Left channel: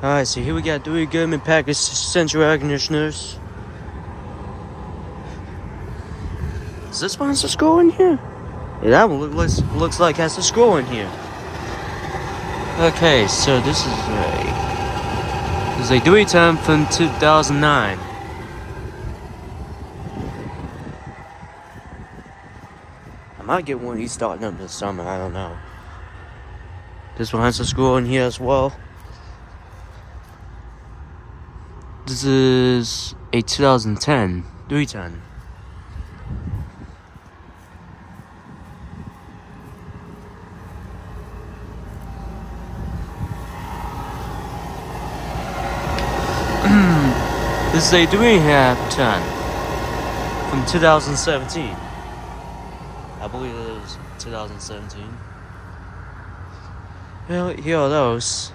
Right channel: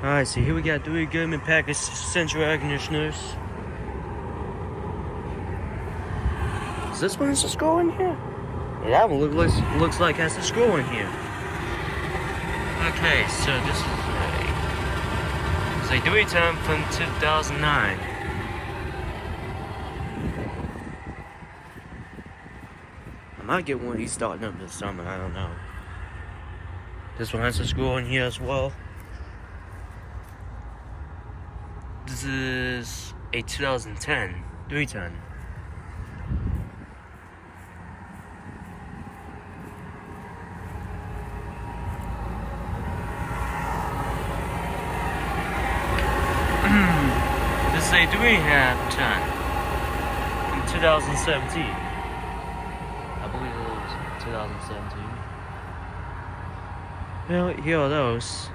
Alright, so here we got 3 Goodman package central air conditioners. Does this one have a scroll in here? Yeah, that one looks like it has a scroll in here. Okay, so this is a 310 from 2009. I might get one of these starting up this summer, I don't know. This one has a scroll in here as well. This is a 2010 310. This is a 3.5 from 2017. I believe it was 2017. Well, here are those.